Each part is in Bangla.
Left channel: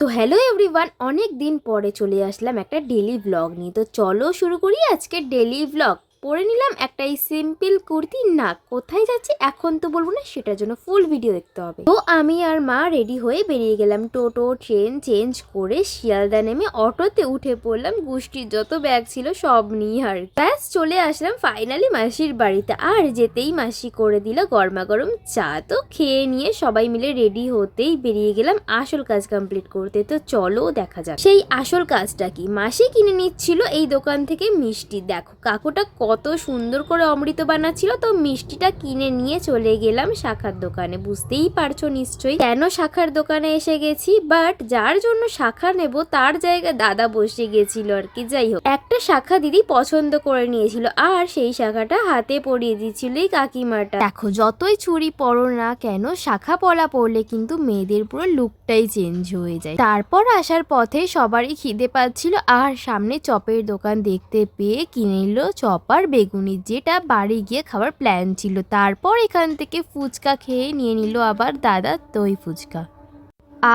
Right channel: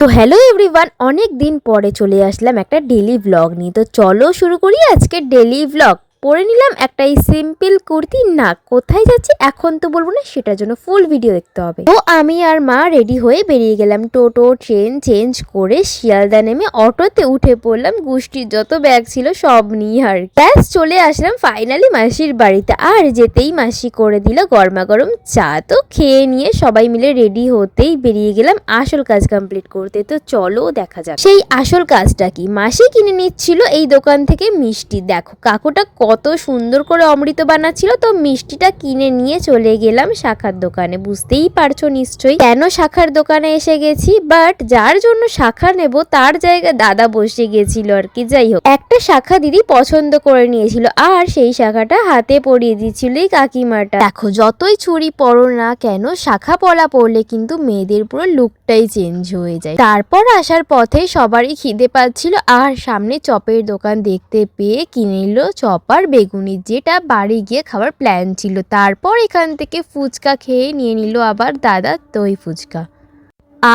তো হ্যালো এভরিওয়ান, অনেক দিন পরে চলে আসলাম একটা ডেলি ব্লগ নিয়ে। তো চলো শুরু করি আজকে ডেলি ব্লগ। পরে নিলাম একটা এই সিম্পল কুর্তি। না কোথায় যাচ্ছি এখন তো বলবো না, সেটার জন্য ফুল ভিডিও দেখতে হবে। তো আমি আর মা রেডি হয়ে বেরিয়ে গেলাম। টোটো ট্রেন চেঞ্জ করে শিয়ালদা নেমে অটোতে উঠে পড়লাম। গোষ্ঠীর যত ব্যাগ ছিল সব নিয়ে আর ব্যাস চলে আসলাম ফাইনালি মাসির বাড়িতে। আর যেতেই মাসি করে দিল গরমা গরম চা। তো খেয়ে নিয়ে সবাই মিলে রেডি হতেই বেরিয়ে গেলাম আসল কাজ কমপ্লিট করতে। তো চলো দেখা যাক সেই আসল কাজটা কি। মাসি কিনে নিচ্ছিল এই দোকান থেকে মিষ্টি। দেখো কাকুটা কত সুন্দর করে অমৃত বানাচ্ছিল। তো মিষ্টিটা কিনে নিয়ে চলে গেলাম শাখার দোকানে। বুঝতেই পারছো নিশ্চয়ই কেন শাখার দোকানে এসে গেছি, বাট যার জন্য শাখা নেব তার জায়গায় দাদা বসে গেছিল আর কি। যাই হোক, একটা শাখা দিদি পছন্দ করে নিয়েছিল আর সেই শাখাটা হাতে পরিয়ে দিচ্ছিল এই কাকিমাটা। দেখো যতই চুড়ি পরো না কেন, শাখা পলা পরলে কিন্তু মেয়েদের পুরো লুকটাই চেঞ্জ হয়ে যায়। তারপর আসার পথে সবারই খিদে পাচ্ছিল আর সামনে চপের দোকান দেখতে পেয়ে কিনে নিল চপ আর বেগুনি, যেটা বাড়ি গিয়ে খাবার প্ল্যান ছিল। তারপর এখান থেকে ফুচকা খেয়ে নিয়ে নিল আবার দাদা দই ফুচকা।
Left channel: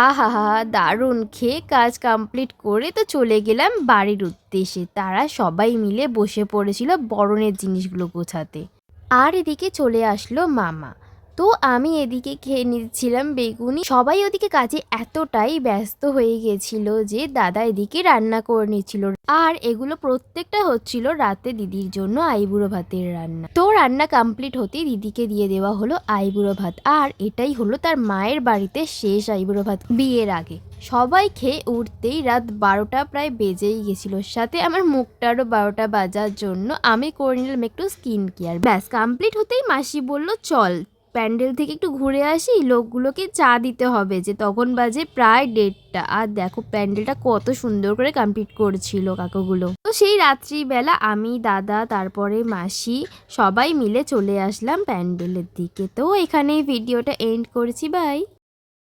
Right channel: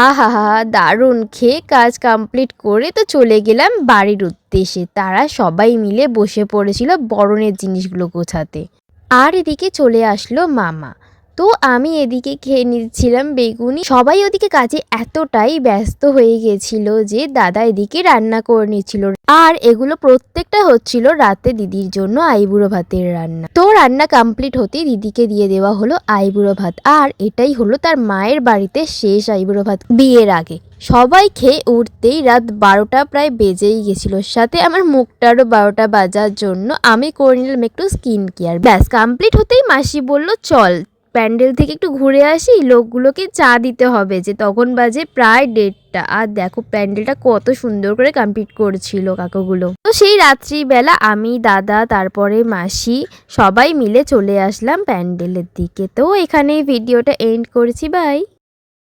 আহা হা, দারুণ খেয়ে কাজ কমপ্লিট করে তো চলে গেলাম বাড়ির উদ্দেশ্যে। তারা সবাই মিলে বসে পড়েছিল বরণের জিনিসগুলো গোছাতে। আর এদিকে চলে আসলো মামা। তো আমি এদিকে খেয়ে নিচ্ছিলাম বেগুনি। সবাই ওদিকে কাজে এতটাই ব্যস্ত হয়ে গেছিল যে দাদা এদিকে রান্না করে নিচ্ছিল। আর এগুলো প্রত্যেকটা হচ্ছিল রাতে দিদির জন্য আইবুড়ো ভাতের রান্না। তো রান্না কমপ্লিট হতেই দিদিকে দিয়ে দেওয়া হলো আইবুড়ো ভাত। আর এটাই হলো তার মায়ের বাড়িতে শেষ আইবুড়ো ভাত বিয়ের আগে। সবাই খেয়ে উঠতেই রাত 12টা প্রায় বেজেই গেছিল। সাথে আমার মুখটারও 12টা বাজার জন্য আমি করে নিলাম একটু স্কিন কেয়ার। ব্যাস কমপ্লিট হতেই মাসি বলল চল প্যান্ডেল থেকে একটু ঘুরে আসি, লোকগুলোকে চা দিতে হবে। যে তখন বাজে প্রায় 1:30। আর দেখো প্যান্ডেলটা কত সুন্দর করে কমপ্লিট করছিল কাকুগুলো। তো সেই রাত্রিবেলা আমি দাদা তারপরে মাসি সবাই মিলে চলে আসলাম প্যান্ডেলের দিকে। তো এখানেই ভিডিওটা এন্ড করছি, বাই।